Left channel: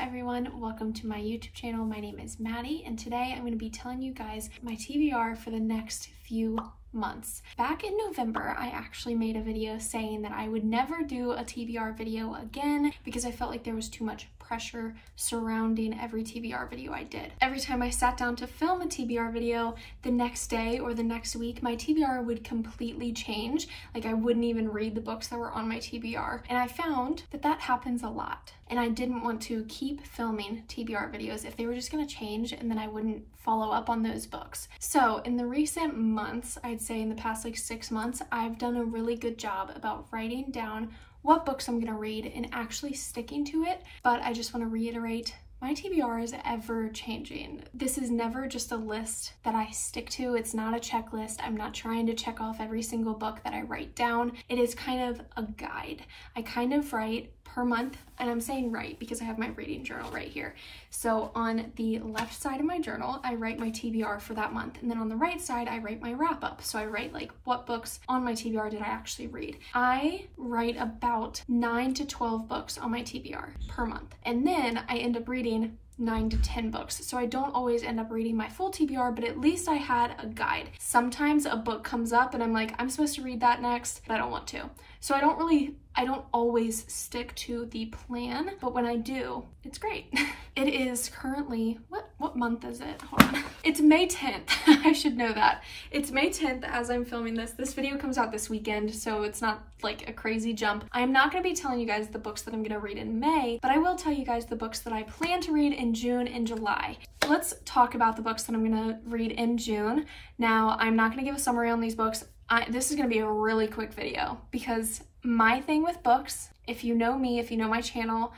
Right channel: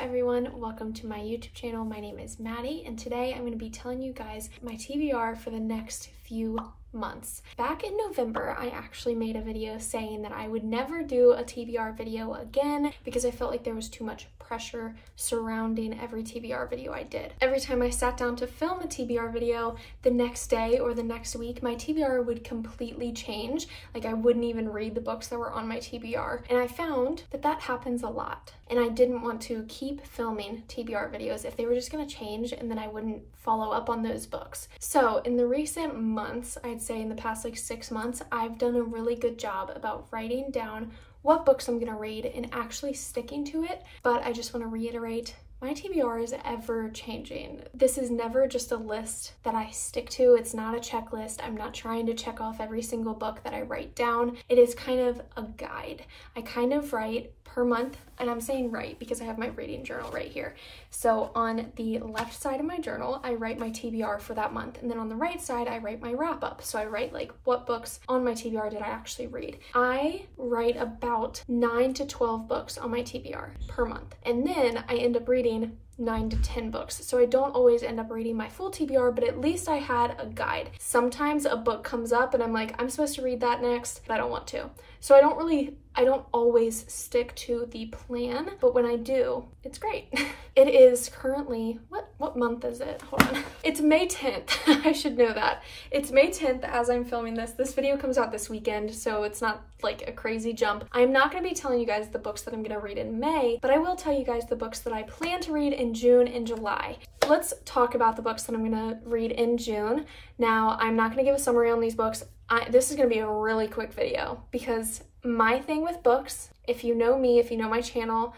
everyone, welcome to my YouTube channel. My name is Maddie, and today I'm going to be telling you guys my TBR for the next few months. Back in November, I actually made a video saying that I would never do a TBR video again because I felt like there was too much pressure surrounding every TBR video I did. Every time I sat down to film a TBR video, the next day or the next week, my TBR would completely change. Like, I wouldn't even read the books that were on my TBR. And I found that that happens a lot. And I didn't want to keep filming TBR videos if they were just gonna change and then I wouldn't follow up on those books. So in the recent months, I'd say in the past like 6 months, I've done a really good job about writing down what books I'm gonna read and actually sticking to it. But I just wanna reiterate, my TBR is ever changing. This is never just a list that I stick to. It's not a checklist. I'm not trying to check off every single book that I write down. It is kind of a guide. I kind of write per month, and I'm saying write because I have my reading journal right here. So on the left side of my journal, I write my TBR for that month. And then on the right side, I write my wrap up. So I write like what books on my TBR did I actually read. I write about 9 to 12 books on my TBR per month. And then I end up reading 9 to 10 books. So I don't always end up reading my full TBR, but at least I had a guide. Sometimes a book comes up and I'm like, I'm supposed to read that next, but I don't want to. So I don't always stick to the plan, but when I do, it's great. It is currently, what month is it? Hold on. It's May 10th. I should know that. It's May 10th as I'm filming this. This video comes out this weekend, so it's not like a crazy jump. I'm not gonna be telling you guys the books that I'm gonna read in May, but I will tell you guys the books that I plan to read in June and July. Let's talk about the books that I'm gonna read in June. Now, I'm not gonna give a summary on these books. This is gonna be a really quick video because my thing with books, if you know me, if you know my channel,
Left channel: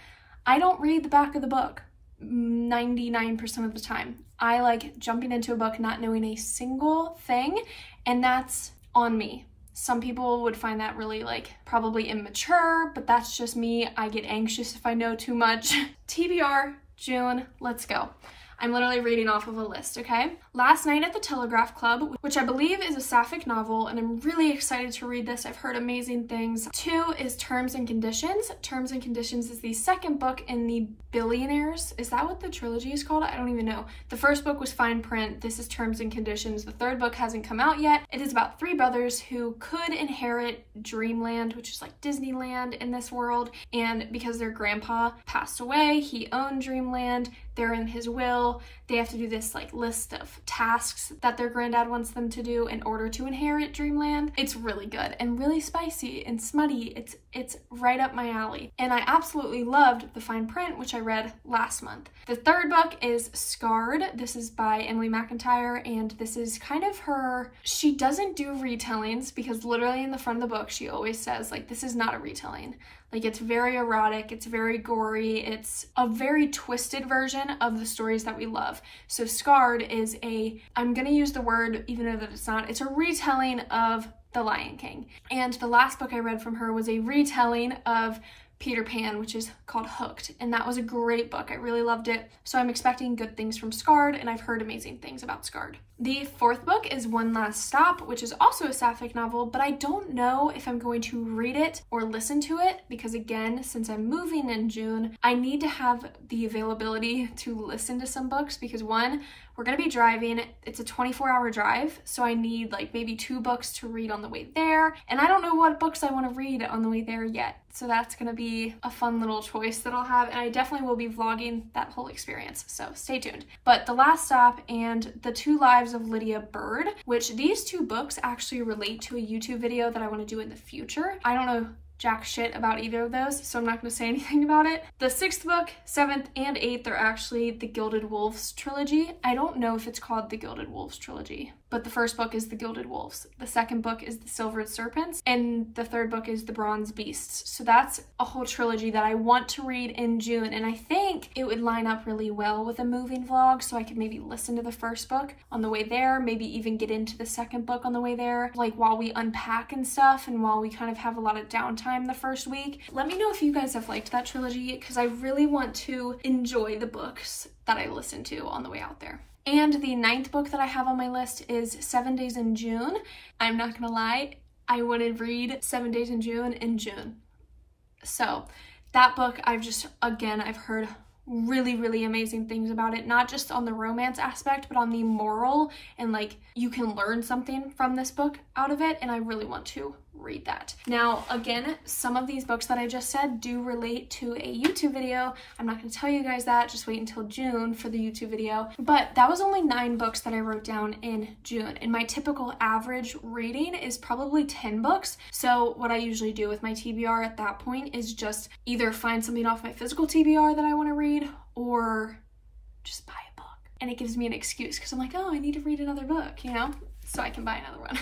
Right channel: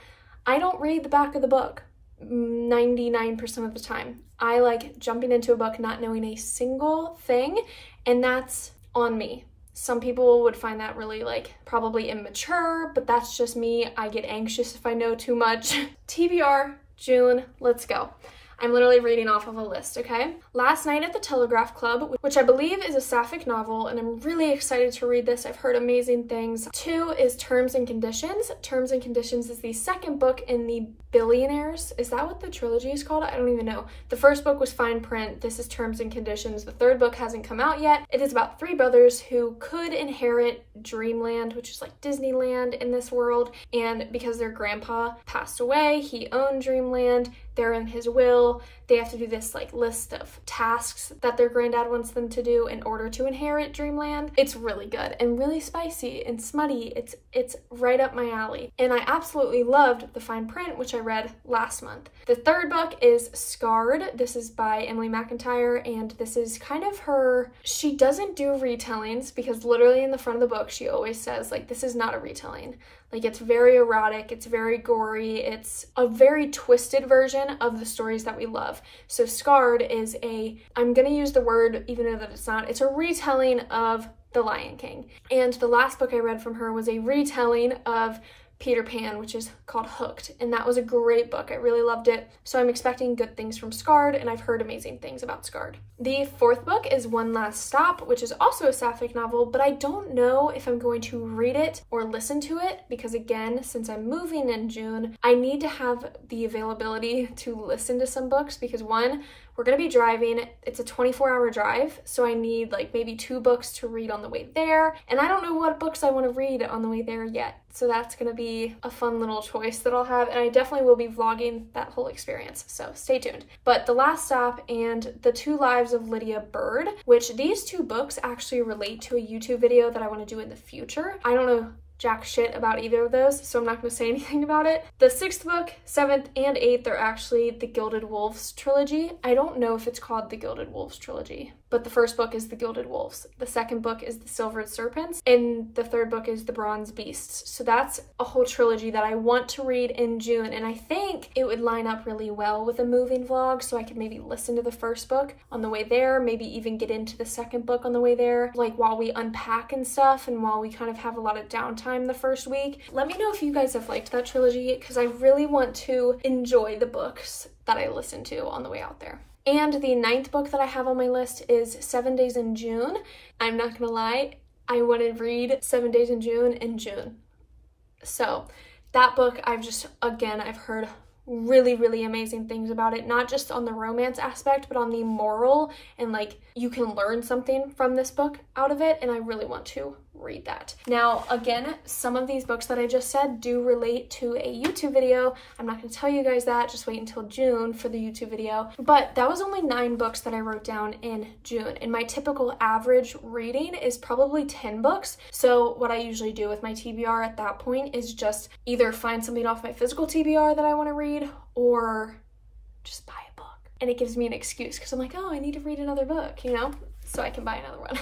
I don't read the back of the book 99% of the time. I like jumping into a book not knowing a single thing, and that's on me. Some people would find that really like probably immature, but that's just me. I get anxious if I know too much. TBR, June, let's go. I'm literally reading off of a list, okay? Last Night at the Telegraph Club, which I believe is a sapphic novel, and I'm really excited to read this. I've heard amazing things. 2 is Terms and Conditions. Terms and Conditions is the second book in the Billionaires. Is that what the trilogy is called? I don't even know. The first book was Fine Print. This is Terms and Conditions. The third book hasn't come out yet. It is about 3 brothers who could inherit Dreamland, which is like Disneyland in this world, and because their grandpa passed away, he owned Dreamland. They're in his will. They have to do this like list of tasks that their granddad wants them to do in order to inherit Dreamland. It's really good and really spicy and smutty. It's right up my alley. And I absolutely loved The Fine Print, which I read last month. The third book is Scarred. This is by Emily McIntyre, and this is kind of her, she doesn't do retellings because literally in the front of the book, she always says like, this is not a retelling. Like, it's very erotic, it's very gory, it's a very twisted version of the stories that we love. So Scarred is I'm gonna use the word even though that it's not, it's a retelling of The Lion King. And the last book I read from her was a retelling of Peter Pan, which is called Hooked, and that was a great book. I really loved it. So I'm expecting good things from Scarred, and I've heard amazing things about Scarred. The fourth book is One Last Stop, which is also a sapphic novel, but I don't know if I'm going to read it or listen to it because, again, since I'm moving in June, I need to have the availability to listen to some books because, one, we're gonna be driving. It's a 24-hour drive, so I need like maybe 2 books to read on the way there, and I don't know what books I want to read on the way there yet. So that's gonna be a fun little choice that I'll have, and I definitely will be vlogging that whole experience, so stay tuned. But The Last Stop and The 2 Lives of Lydia Bird, which these 2 books actually relate to a YouTube video that I want to do in the future. I don't know jack shit about either of those, so I'm not going to say anything about it. The 6th book, 7th, and 8th are actually the Gilded Wolves trilogy. I don't know if it's called the Gilded Wolves trilogy, but the first book is the Gilded Wolves. The second book is the Silvered Serpents, and the third book is the Bronze Beasts. So that's a whole trilogy that I want to read in June, and I think it would line up really well with a moving vlog, so I could maybe listen to the first book on the way there, maybe even get into the second book on the way there, like while we unpack and stuff, and while we kind of have a lot of downtime the first week. Let me know if you guys have liked that trilogy because I really want to enjoy the books that I listen to on the way out there. And the 9th book that I have on my list is 7 Days in June. I'm not gonna lie, I want to read 7 Days in June. So that book I've heard really, really amazing things about it, not just on the romance aspect, but on the moral, and like you can learn something from this book out of it, and I really want to read that. Now, again, some of these books that I just said do relate to a YouTube video. I'm not going to tell you guys that, just wait until June for the YouTube video. But that was only 9 books that I wrote down in June, and my typical average reading is probably 10 books. So what I usually do with my TBR at that point is just either find something off my physical TBR that I want to read, or just buy a book. And it gives me an excuse because I'm like, oh, I need to read another book, you know, so I can buy another one.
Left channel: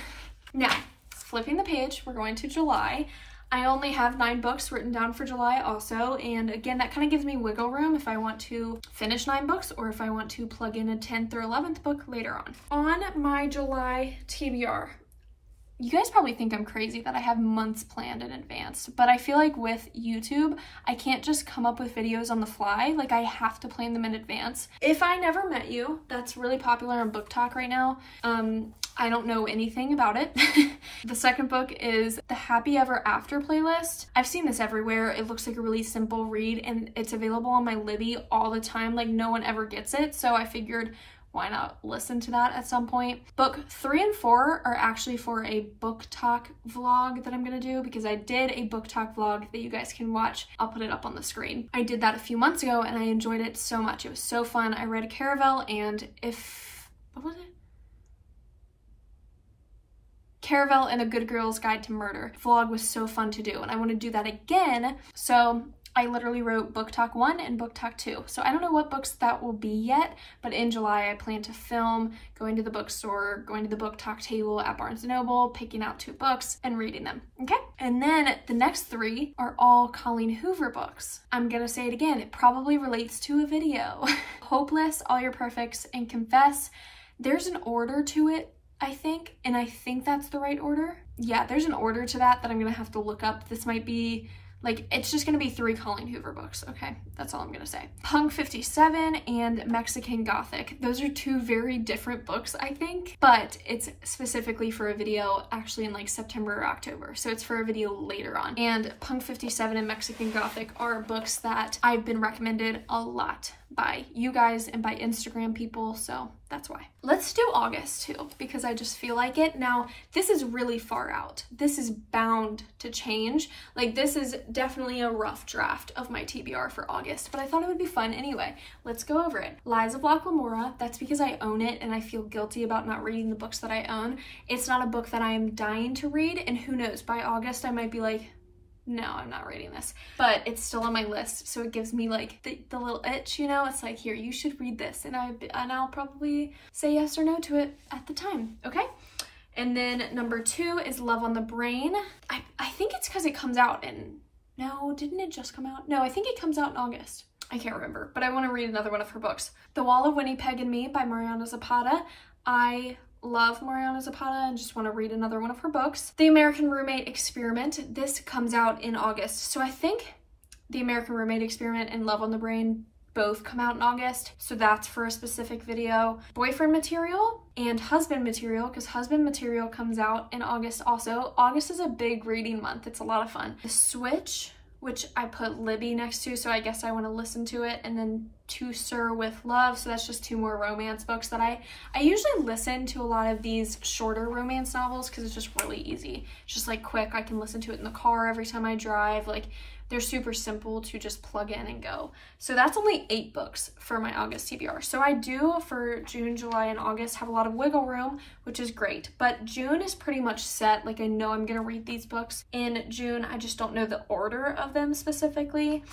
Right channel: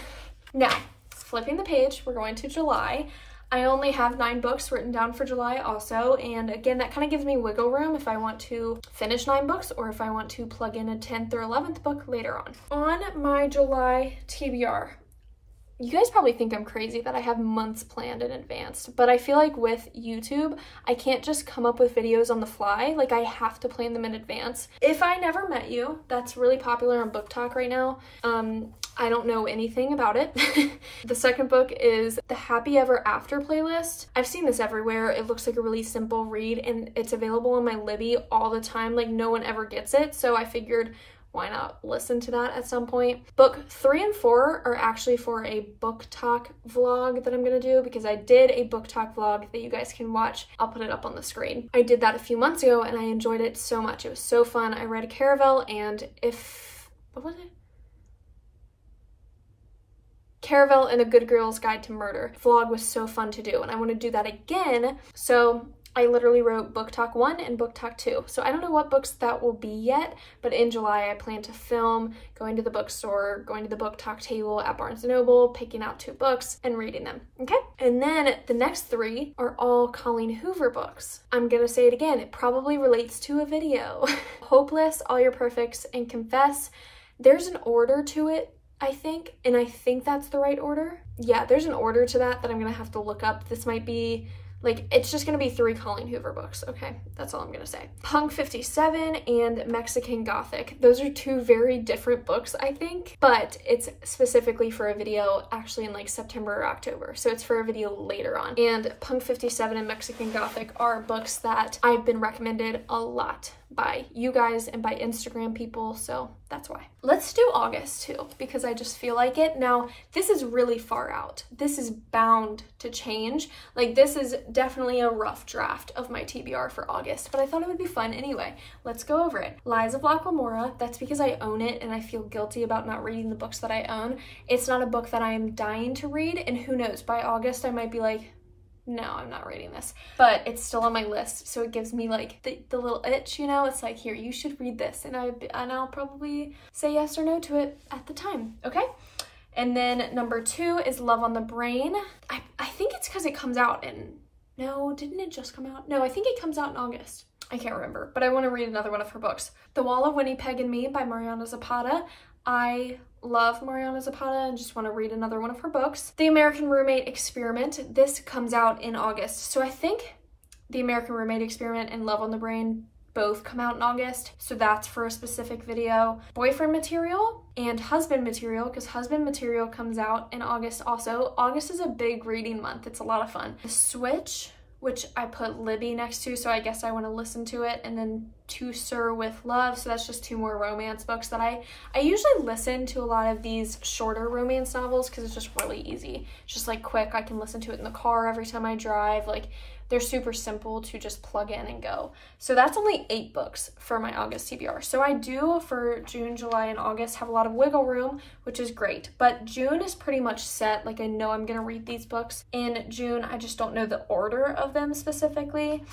Now, flipping the page, we're going to July. I only have 9 books written down for July also, and again, that kind of gives me wiggle room if I want to finish 9 books or if I want to plug in a 10th or 11th book later on. On my July TBR, you guys probably think I'm crazy that I have months planned in advance, but I feel like with YouTube, I can't just come up with videos on the fly. Like, I have to plan them in advance. If I Never Met You, that's really popular on Book Talk right now. I don't know anything about it. The second book is the Happy Ever After playlist. I've seen this everywhere. It looks like a really simple read, and it's available on my Libby all the time. Like, no one ever gets it, so I figured, why not listen to that at some point? Book 3 and 4 are actually for a Book Talk vlog that I'm gonna do, because I did a Book Talk vlog that you guys can watch. I'll put it up on the screen. I did that a few months ago and I enjoyed it so much. It was so fun. I read Caravel and what was it? Caravel and A Good Girl's Guide to Murder. Vlog was so fun to do, and I want to do that again. So I literally wrote Book Talk 1 and Book Talk 2. So I don't know what books that will be yet, but in July I plan to film, going to the bookstore, going to the Book Talk table at Barnes & Noble, picking out 2 books and reading them, okay? And then the next 3 are all Colleen Hoover books. I'm gonna say it again, it probably relates to a video. Hopeless, All Your Perfects, and Confess. There's an order to it, I think, and I think that's the right order. Yeah, there's an order to that I'm gonna have to look up. This might be, like, it's just gonna be 3 Colleen Hoover books, okay? That's all I'm gonna say. Punk 57 and Mexican Gothic. Those are 2 very different books, I think, but it's specifically for a video actually in like September or October, so it's for a video later on. And Punk 57 and Mexican Gothic are books that I've been recommended a lot by you guys and by Instagram people, so that's why. Let's do August too, because I just feel like it. Now, this is really far out. This is bound to change. Like, this is definitely a rough draft of my TBR for August, but I thought it would be fun anyway. Let's go over it. Lies of Locke Lamora, that's because I own it and I feel guilty about not reading the books that I own. It's not a book that I am dying to read, and who knows, by August I might be like, no, I'm not reading this, but it's still on my list, so it gives me like the little itch, you know? It's like, here, you should read this, and I'll probably say yes or no to it at the time, okay? And then number 2 is Love on the Brain. I think it's because it comes out in, no, didn't it just come out? No, I think it comes out in August. I can't remember, but I want to read another one of her books. The Wall of Winnipeg and Me by Mariana Zapata. I love Mariana Zapata and just want to read another one of her books. The American Roommate Experiment. This comes out in August. So I think The American Roommate Experiment and Love on the Brain both come out in August. So that's for a specific video. Boyfriend Material and Husband Material, because Husband Material comes out in August also. August is a big reading month. It's a lot of fun. The Switch, which I put Libby next to, so I guess I want to listen to it, and then To Sir with Love, so that's just 2 more romance books that I usually listen to a lot of these shorter romance novels because it's just really easy. It's just like quick, I can listen to it in the car every time I drive, like they're super simple to just plug in and go. So that's only 8 books for my August TBR. So I do, for June, July, and August, have a lot of wiggle room, which is great. But June is pretty much set. Like, I know I'm gonna read these books in June. I just don't know the order of them specifically.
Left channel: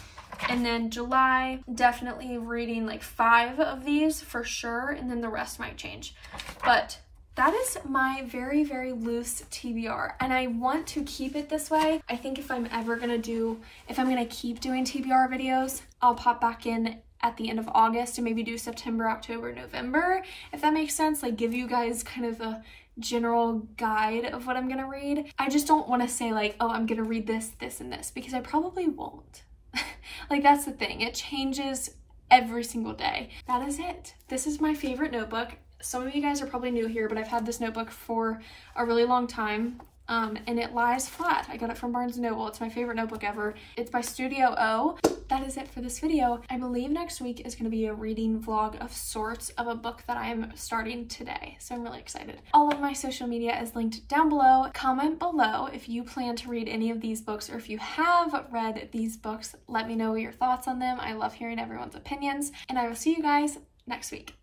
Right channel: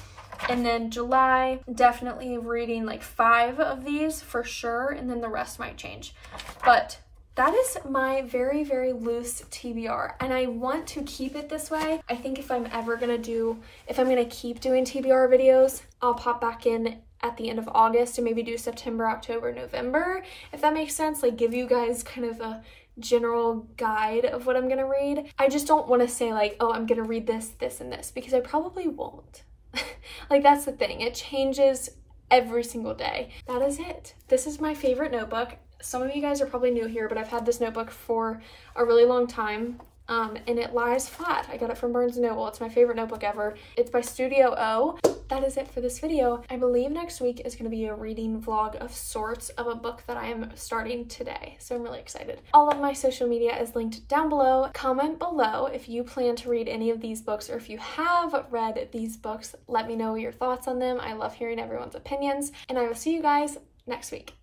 And then July, definitely reading like 5 of these for sure, and then the rest might change. But that is my very, very loose TBR, and I want to keep it this way. I think if I'm gonna keep doing TBR videos, I'll pop back in at the end of August and maybe do September, October, November, if that makes sense. Like, give you guys kind of a general guide of what I'm gonna read. I just don't want to say like, oh, I'm gonna read this, this, and this, because I probably won't. Like, that's the thing. It changes every single day. That is it. This is my favorite notebook. Some of you guys are probably new here, but I've had this notebook for a really long time. and it lies flat. I got it from Barnes & Noble. It's my favorite notebook ever. It's by Studio O. That is it for this video. I believe next week is going to be a reading vlog of sorts of a book that I am starting today, so I'm really excited. All of my social media is linked down below. Comment below if you plan to read any of these books, or if you have read these books, let me know your thoughts on them. I love hearing everyone's opinions, and I will see you guys next week.